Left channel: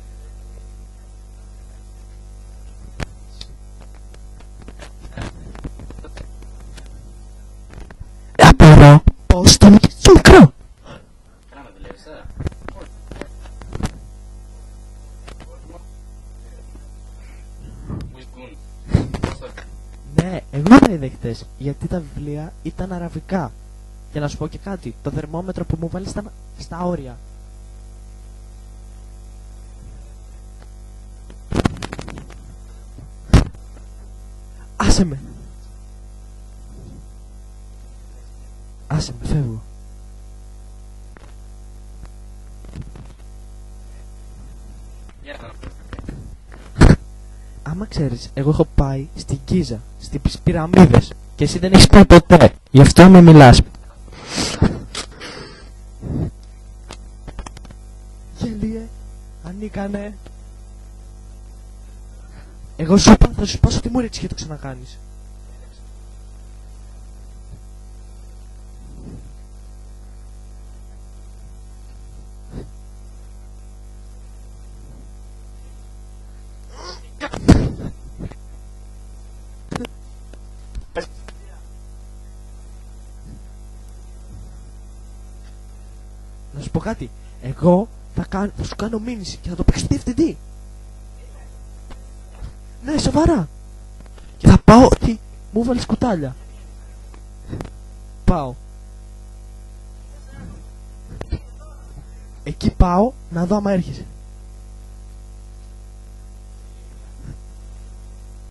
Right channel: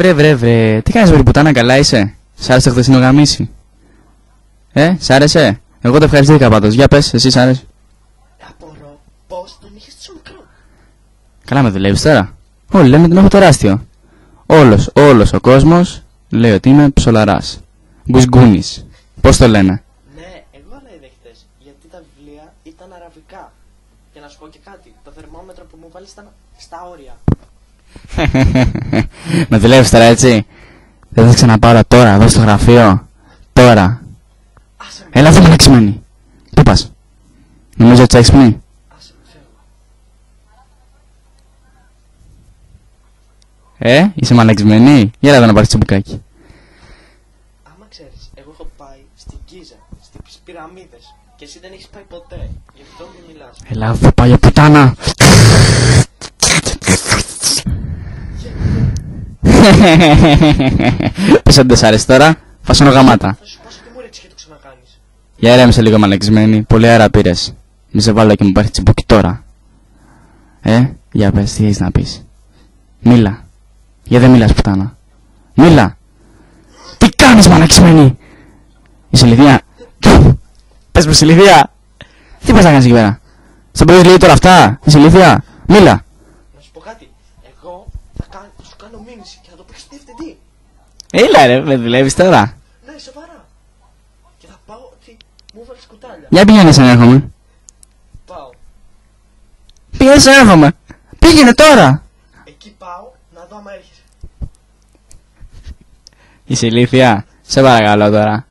Βρε, τι κάνεις βρε πουτάνα, καλά είσαι? Σ' άρεσε το χθεσινό γαμίσι? Σ' άρεσε? Εγώ το ευχαριστήθηκα πάντως, για πες, εσύ σ' άρεσε? Απορώ πως το μικρό μικρό. Καλά με δουλεύεις τώρα? Όλοι λένε ότι είμαι τεράστιο. Όλος ο κόσμος λέει ότι είμαι ψολαράς. Γκουσγκούνης. Πώς το λένε? Ναι, εγώ τα είδα χτες, γιατί τα βιβλία ήταν αραβικά. Και να σου πω και κάτι, το θερμόμετρο που μου βάλεις ήταν στα όρια. Με δουλεύεις τώρα έτσι? Δεν θα ξαναπάρω τώρα εδώ στο γραφείο? Τώρα. Άσε με. Έλα, δεν είμαι λεξιμένη. Πού πας? Νομίζω ότι έχεις πνί. Άσε με, φεύγω. Είσαι μαλεξιμένη? Γεια εδώ να πάρεις τσιμπουκάκι. Άμα ξέρεις, εγώ έχω πάει στην Κίζα, στις πυραμίδες. Και εσύ δεν έχεις πάει ποτέ. Γι' αυτό με μιλάς. Έλα, θα πάει πουτάνα. Πες αν δεν σ' άρεσε τώρα, φάσωνο γαμάτα. Θα σου σπάσω τη μούρη της και το ξανακάνεις. Για ηρέμησε λίγο μαλεξιμένη, πολύ αέρα πήρες. Μη σε βάλω και μου πάρει τσιμπούκι τώρα. Για πες, τι έχεις να πεις? Μίλα. Για δεν μιλάς πουτάνα. Μίλα. Τι κάνεις μαλεξιμένη? Είσαι ηλικία? Πες μου, είσαι ηλικία? Τι πας να κάνεις εκεί πέρα? Στον πρωί λέει τώρα αυτά? Είσαι ηλικία? Μίλα. Να σου πω κάτι. Εγώ θα σου κάνω μήνυση και θα το παίξω διευθυντή. Έλα ρε, με δουλεύεις τώρα? Ναι, σοβαρά. Και θα πάω ότι μου βάλεις κουτάλια. Για πήγαινε σαν έρχομαι. Πάω. Πήγαινε σαν έρχομαι. Πήγαινε τώρα. Εκεί πάω να δω άμα έρχεσαι. Είσαι ηλίθια? Σε παρακαλώ τώρα.